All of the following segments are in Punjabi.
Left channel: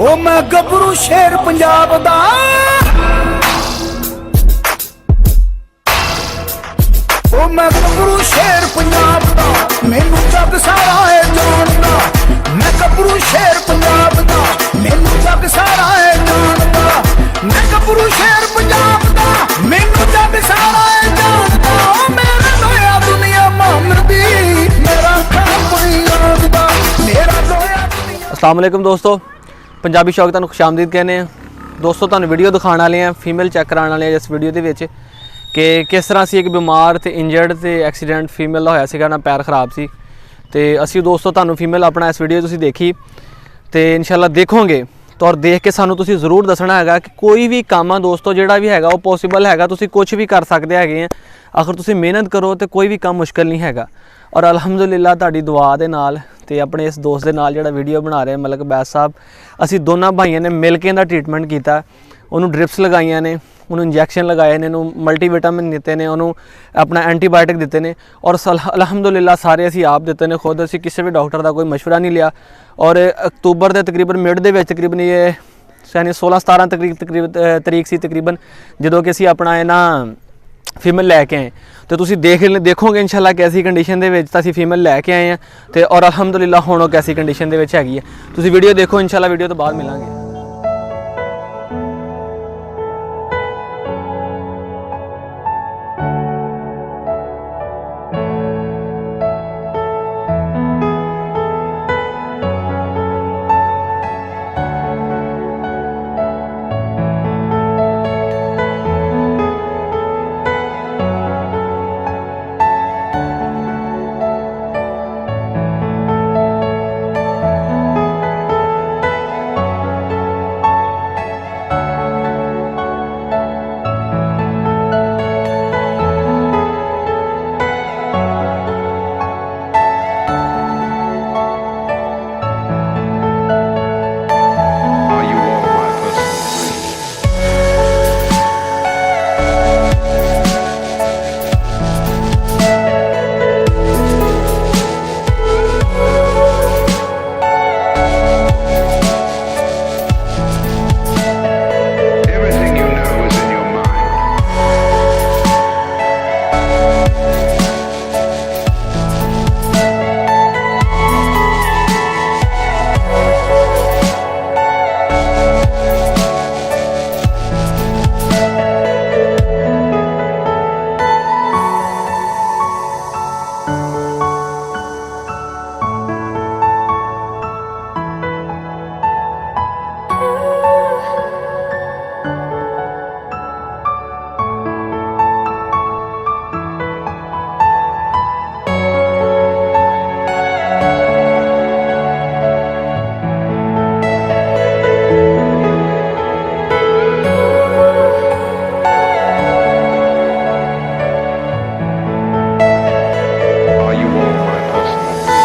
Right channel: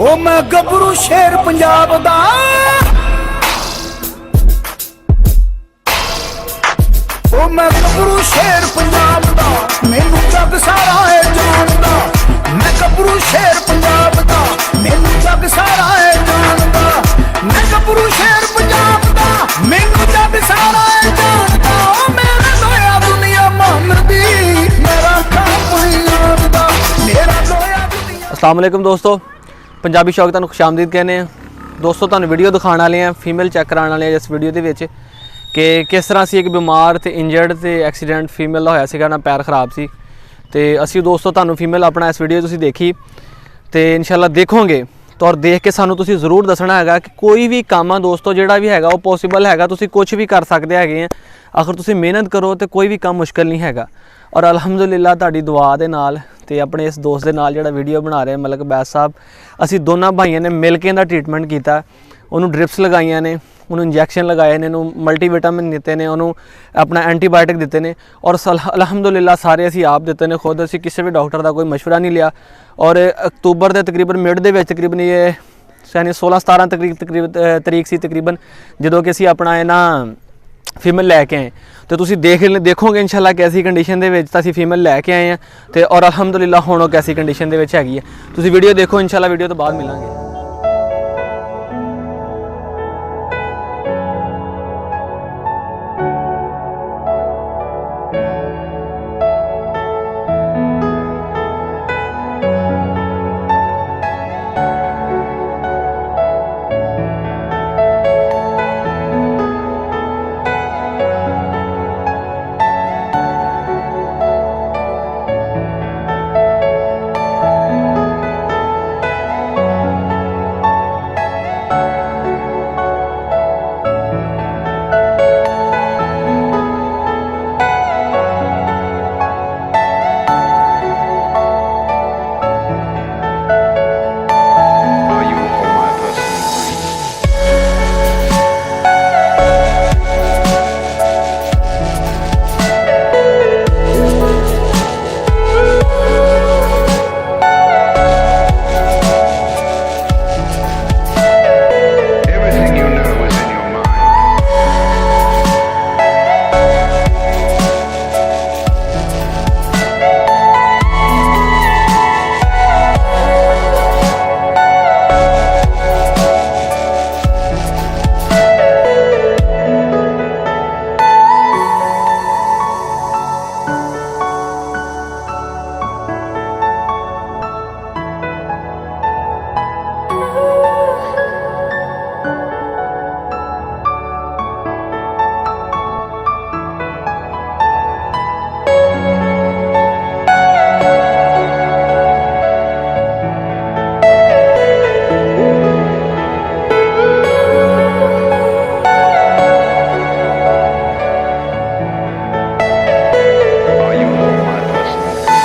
ओ मैं गबरू शेर पंजाब दा, ओ मैं गबरू शेर पंजाब दा, मैनू जग सारा है जानदा। मैं गबरू शेर पंजाब दा, मैनू जग सारा है जानदा। मैं गबरू शेर पंजाब दा, मैनू जग सारा है जानदा। ओ मेरा लोया दुनिया मानदी, मेरा खापड़ी आंदा, मेरा लोया दुनिया। अस्सलाम वालेकुम दोस्तों, पंजाबी शौक तुहानूं खुशामदीद कहने हैं। दोस्तों तुहानूं वीडियो दिखाने वाले हैं, फीमेल चेक कराने वाले हैं इस वीडियो दे विच कि किस तरह से एक बीमार ते इंजर्ड ते एक्सीडेंट फीमेल का होया सीगा ना, पैर खराब सी। ते असी दोस्तों तुहानूं फीमेल अपना इस वीडियो तुसीं देखी ते इंशाल्लाह देखोगे तो और देख के सानूं तुसीं ज़रूर दसना हैगा कि कोई भी काम दोस्तों जिहड़ा भी हैगा वो पॉसीबल हैगा, तुसीं कुछ भी कर सकते हैगे। अगर तुसीं मेहनत करो तो कोई भी काम मुश्किल नहीं हैगा। और अलहमदुलिल्लाह तुहाडी दुआ दे नाल ते अपने इस दोस्त दे नाल जिहड़ा वीडियो बना रहे मलक बैस साहब, असी दोनों भाइयों ने मिल के इहदा ट्रीटमेंट किया। उन्होंने ड्रिप्स लगाइया ने, उन्होंने इंजैक्शन लगाए ने, उन्होंने मल्टीविटामिन दिते ने, उन्होंने अपना एंटीबायोटिक दिते ने। और अलहमदुलिल्लाह सारे असी आप दिते ने खुद, असी किसी भी डॉक्टर का कोई मशवरा नहीं लिया। और अक्तूबर के तकरीबन मिड दे तकरीबन ये यानी 16-17 तरीक सी तकरीबन जो कि असी अपना है ना फीमेल लैके आए। तो तुसी देखोगे इंशाल्लाह कैसी कंडीशन दे विच असीं फीमेल लैके आए हैं। तो और अलहमदुलिल्लाह हुण कैसी कंडीशन दे विच हैगी है। तुसी वीडियो देखो, इंशाल्लाह वीडियो तो बाद मिलांगे। Are you all my personal dreams? Everything you know is in your mind. Are you all my personal dreams?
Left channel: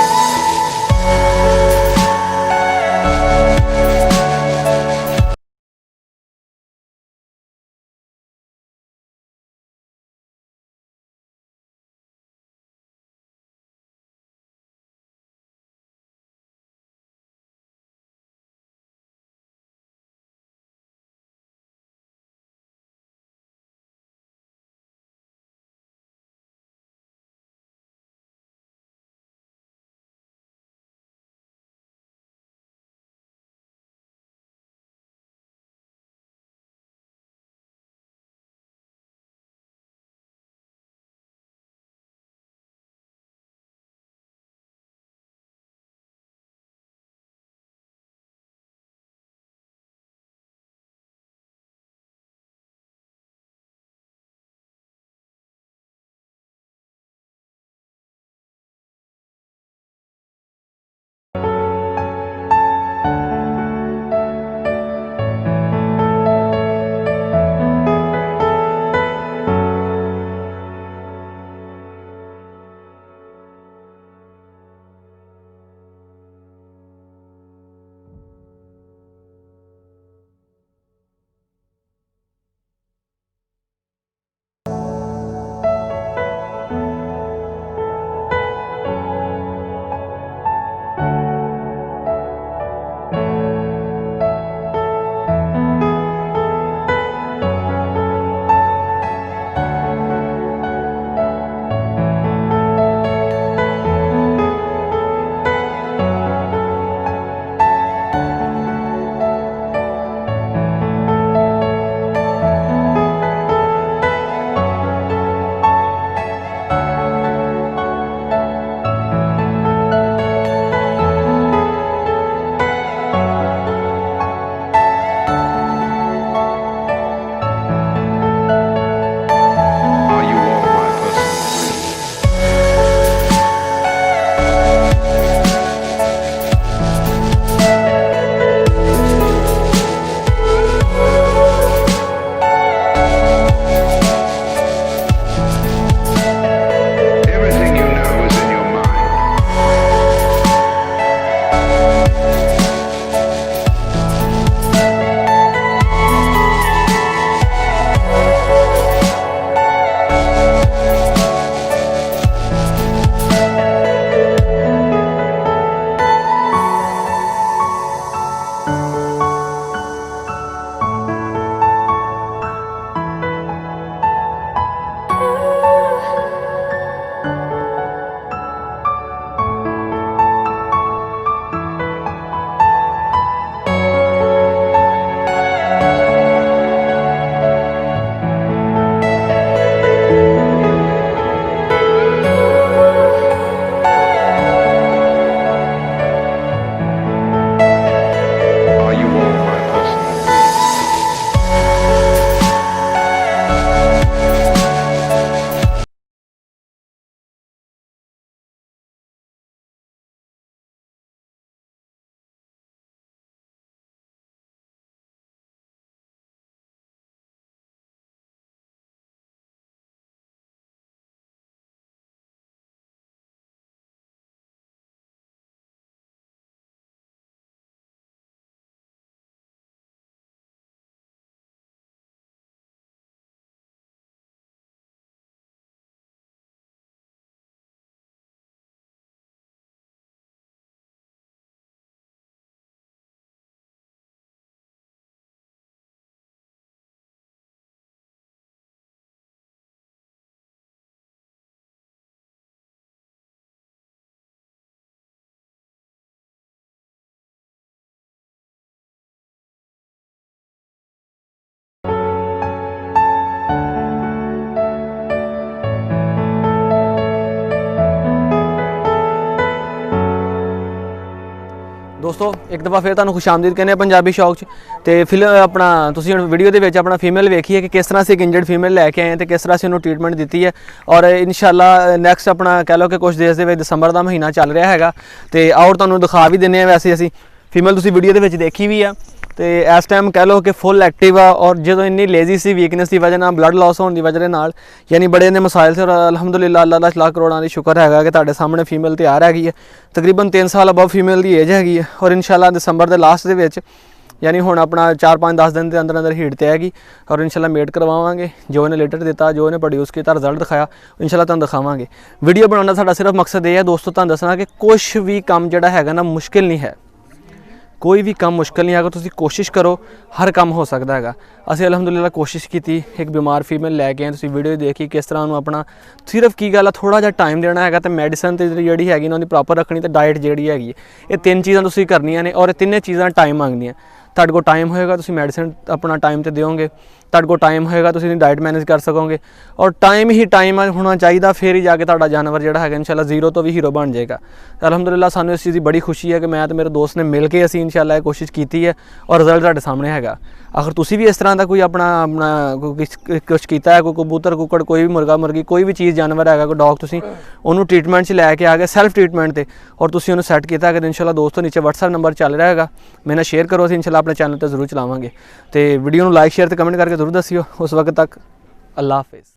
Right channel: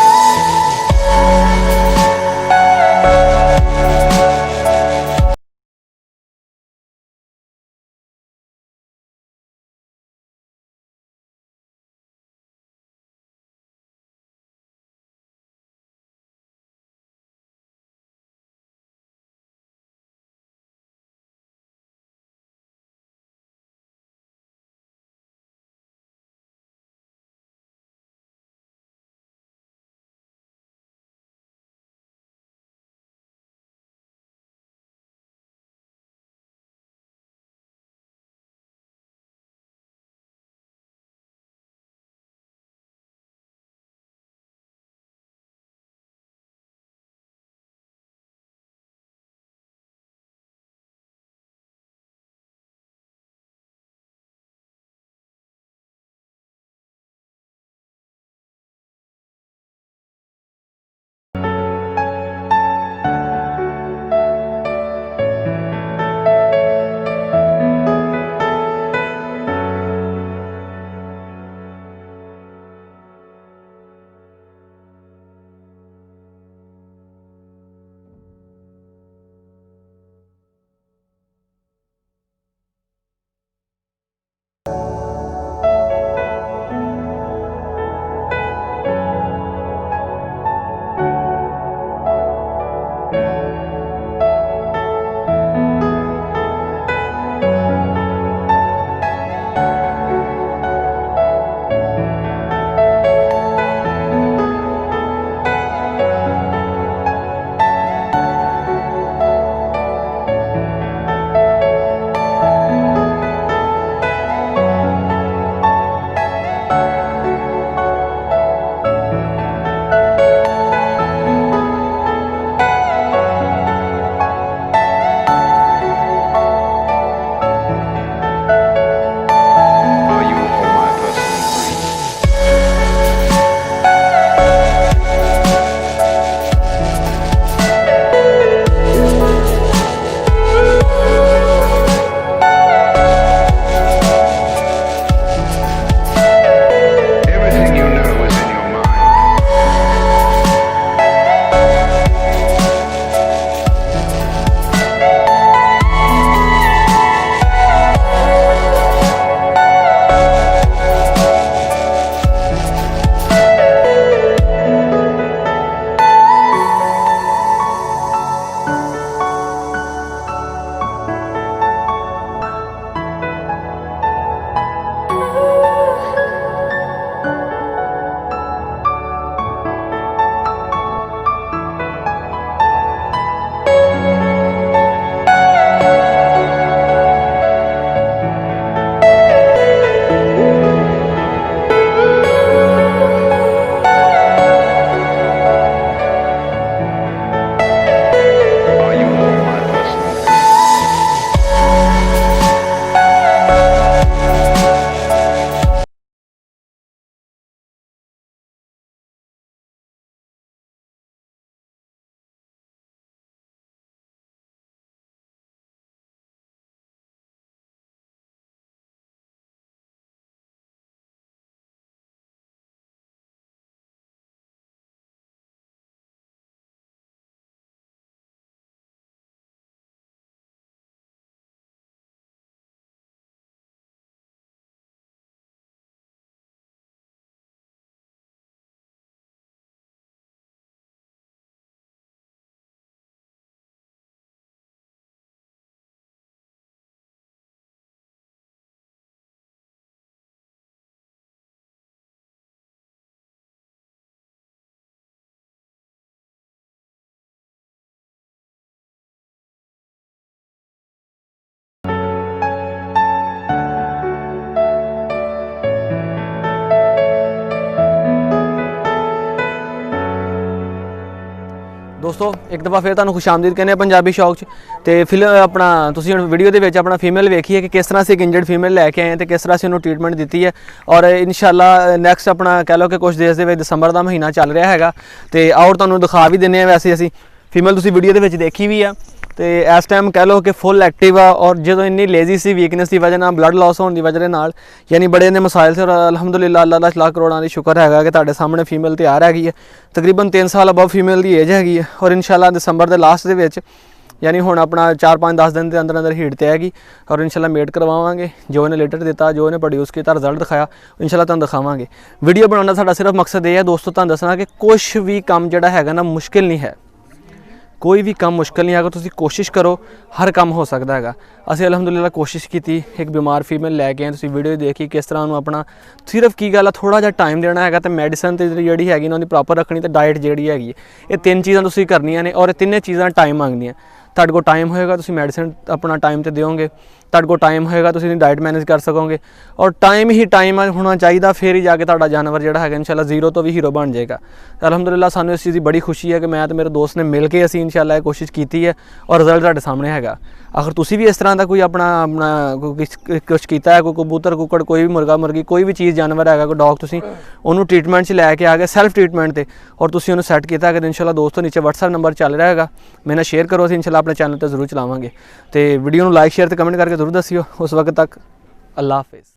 personal dreams. ਦੋਸਤੋ ਇੱਕ ਦਫਾ ਫਿਰ ਤੁਹਾਨੂੰ ਖੁਸ਼ਾਮਦੀਦ ਕਹਿੰਦੇ ਆ ਪੰਜਾਬੀ ਸ਼ੌਕ 'ਚ। ਤੇ ਫਿਲਮ ਆਪਣਾ ਤੁਸੀਂ ਹੁਣ ਵੀਡੀਓ ਦੇ ਵਿੱਚ ਆਪਣਾ ਫੀਮੇਲ ਵੇਖੀ ਹੈ ਕਿ ਕਿਸ ਤਰ੍ਹਾਂ ਅਸੀਂ ਇੱਕ ਇੰਜਰਡ ਫੀਮੇਲ ਲੈ ਕੇ ਆਏ ਹਾਂ ਤੇ ਕਿਸ ਤਰ੍ਹਾਂ ਅਸੀਂ ਉਹਨੂੰ ਟ੍ਰੀਟਮੈਂਟ ਦਿੱਤੀ ਹੈ। ਔਰ ਇਨਸ਼ਾਅੱਲਾ ਨੈਕਸਟ ਆਪਣਾ ਕਹਿ ਲਓ ਕਿ ਕੁਝ ਦੇਸ਼ ਦੇ ਵਿੱਚ ਦਸੰਬਰ ਦਾ ਮਹੀਨਾ ਚੱਲ ਰਿਹਾ ਹੈਗਾ ਤੇ ਆਉਰ ਤੁਹਾਨੂੰ ਦਿਖਾ ਵੀ ਦਿੰਦੇ ਆ। ਵੈਸੇ ਅਸੀਂ ਫੀਮੇਲ ਤੁਸੀਂ ਵੀਡੀਓ ਦੇ ਵਿੱਚ ਦੇਖੀ ਵੀ ਆ ਤੇ ਇਸ ਟਾਈਮ ਕਹਿ ਲਓ ਕਿ ਫੁੱਲ ਐਕਟਿਵ ਆ। ਔਰ ਜਦੋਂ ਇੰਨੀ ਲੇਜ਼ੀ ਸੀ, ਵੀਕਨੈਸ ਦੀ ਵਜ੍ਹਾ ਨਾਲ, ਬਲੱਡ ਲਾਸ ਹੋਣ ਦੀ ਵਜ੍ਹਾ ਦੇ ਨਾਲ, ਯਾਨੀ ਬੜੇ ਨੇ ਮਸਾਇਲ ਸੀ। ਔਰ ਅਲਹਮਦੁਲਿਲਾ ਅੱਲਾਹ ਦਾ ਲੱਖ ਕਰੋੜਾਂ ਦੀ ਸ਼ੁਕਰ ਹੈਗਾ ਕਿ ਤੁਹਾਡੇ ਸਾਹਮਣੇ ਫੀਮੇਲ ਤਿਆਰ ਹੈਗੀ ਹੈ। ਤਕਰੀਬਨ 3 ਸਾਲ ਅਬਵ ਫੀਮੇਲ ਦੀ ਏਜ ਹੈਗੀ ਹੈ। ਔਰ ਇਨਸ਼ਾਅੱਲਾ ਦਸੰਬਰ ਦੇ ਲਾਸਟ ਦੇ ਵਿੱਚ ਯਾਨੀ ਹੁਣ ਆਪਣਾ 4-5-10 ਦਿਨ ਦੇ ਅੰਦਰ ਅੰਦਰ ਹੀਟ ਤੇ ਹੈਗੀ। ਔਰ ਇਨਸ਼ਾਅੱਲਾ ਮੇਟ ਕਰਵਾਵਾਂਗੇ। ਜੋ ਇਹਨੇ ਲੇਟਰ ਦਿੱਤਾ, ਜੋ ਇਹਨੇ ਪ੍ਰੋਡਿਊਸ ਕੀਤਾ, ਰਿਜ਼ਲਟ ਦਿਖਾਇਆ, ਇਨਸ਼ਾਅੱਲਾ ਤੁਹਾਨੂੰ ਦਿਖਾਵਾਂਗੇ। ਵੀਡੀਓ ਬਣਾਉਣ ਦਾ ਸਾਡਾ ਸਿਰਫ ਮਕਸਦ ਇਹ ਹੈ ਦੋਸਤੋ, ਤੁਹਾਨੂੰ ਦੱਸਣਾ ਕਿ ਕੁਛ ਵੀ ਕੰਮ ਜਿਹੜਾ ਹੈਗਾ ਨਾ ਮੁਸ਼ਕਿਲ ਨਹੀਂ ਹੈ। ਕੋਈ ਵੀ ਕੰਮ ਮੁਸ਼ਕਿਲ ਨਹੀਂ ਹੈਗਾ। ਤੁਸੀਂ ਕੋਸ਼ਿਸ਼ ਕਰੋ, ਹਰ ਕੰਮ ਹੋ ਸਕਦਾ ਹੈਗਾ। ਅਸੀਂ ਅਲਹਮਦੁਲਿਲਾ ਕੋਸ਼ਿਸ਼ ਕੀਤੀ, ਇੱਕ ਬਿਮਾਰ ਫੀਮੇਲ ਲੈ ਕੇ ਆਏ। ਤੁਸੀਂ ਵੀਡੀਓ ਦੇਖੀ ਕਿਸ ਤਰ੍ਹਾਂ ਉਹਨੂੰ ਆਪਣਾ ਸਿਰਫ ਕੀ ਗੱਲ ਆ ਥੋੜ੍ਹਾ ਜਿਹਾ ਟਾਈਮ ਦੇਣਾ ਹੈਗਾ ਤੇ ਮੈਡੀਸਨ ਤੇ ਜਿਹੜੀ ਹੈਗੀ ਨਾ ਉਹਦੀ ਪ੍ਰੋਪਰ ਰੱਖਣੀ ਤੇ ਡਾਈਟ ਜਿਹੜੀ ਹੈਗੀ ਹੈ, ਇਹ 3 ਚੀਜ਼ਾਂ ਤੁਸੀਂ ਕਰਨੀਆਂ ਨੇ। ਔਰ ਇਹ ਤਿੰਨੇ ਚੀਜ਼ਾਂ ਟਾਈਮ ਮੰਗਦੀਆਂ। ਤੁਹਾਡੇ ਕੋਲ ਟਾਈਮ ਹੋਏਗਾ ਤੁਸੀਂ ਮੈਡੀਸਨ ਆਪਣਾ ਟਾਈਮ ਤੇ ਦਿਓਗੇ। ਤੁਹਾਡੇ ਕੋਲ ਟਾਈਮ ਹੋਏਗਾ ਤੁਸੀਂ ਇਹਦੀ ਡਾਈਟ ਮੈਨੇਜ ਕਰ ਸਕੋਗੇ। ਔਰ ਟਾਈਮ ਹੀ ਟਾਈਮ ਹੋਣਾ ਚਾਹੀਦਾ, ਫਿਰ ਹੀ ਜਾ ਕੇ ਤੁਹਾਡਾ ਜਾਨਵਰ ਜਿਹੜਾ ਹੈਗਾ ਇਨਸ਼ਾਅੱਲਾ ਜ਼ੀਰੋ ਤੋਂ ਵੀ ਹੀਰੋ ਬਣ ਜਾਏਗਾ। ਅਲਹਮਦੁਲਿਲਾ ਸਾਨੂੰ ਇਸ ਚੀਜ਼ ਦੀ ਬੜੀ ਖੁਸ਼ੀ ਹੈ ਕਿ ਮੈਂ ਤੇ ਮੇਰੇ ਦੋਸਤ ਨੇ ਮਿਲ ਕੇ ਅਸੀਂ ਇਨਸ਼ਾਅੱਲਾ ਇਹ ਕੋਸ਼ਿਸ਼ ਕੀਤੀ ਹੈ ਔਰ ਰਿਜ਼ਲਟ ਤੁਹਾਡੇ ਸਾਹਮਣੇ ਹੈਗਾ। ਅਗਰ ਤੁਸੀਂ ਵੀ ਇਸ ਤਰ੍ਹਾਂ ਦਾ ਕੋਈ ਆਪਣਾ ਕੁਛ ਕੀਤਾ ਹੈ, ਕੋਈ ਕਬੂਤਰ, ਕੁੱਕੜ, ਕੋਈ ਵੀ ਮੁਰਗਾ, ਮੁਰਗੀ, ਕੋਈ ਵੀ ਚੀਜ਼ ਜਾਨਵਰ ਹੈਗਾ, ਕੋਈ ਡੌਗ, ਤੁਸੀਂ ਉਹਨੂੰ ਟ੍ਰੀਟਮੈਂਟ 'ਚ ਲੈ ਕੇ ਆ ਗਏ ਸੈਲਫ ਟ੍ਰੀਟਮੈਂਟ ਤੇ, ਔਰ ਤੁਸੀਂ ਉਹਨੂੰ ਸੈੱਟ ਕੀਤਾ ਹੈਗਾ, ਇਨਸ਼ਾਅੱਲਾ ਦੋਸਤੋ ਨੀਚੇ WhatsApp ਨੰਬਰ ਚੱਲ ਰਿਹਾ ਹੈਗਾ, ਮੇਰੇ ਨਾਲ ਸ਼ੇਅਰ ਕਰੋ। ਅਸੀਂ ਇਨਸ਼ਾਅੱਲਾ ਆਪਣੇ ਚੈਨਲ ਤੇ ਜ਼ਰੂਰ ਚਲਾਵਾਂਗੇ। ਤੇ ਵੀਡੀਓ ਨੂੰ ਲਾਈਕ, ਸ਼ੇਅਰ ਤੇ ਕਮੈਂਟ ਕਰਕੇ ਜ਼ਰੂਰ ਦੱਸਿਓ। ਉਸ ਵਕਤ ਤੱਕ ਅੱਲਾ ਹਾਫਿਜ਼।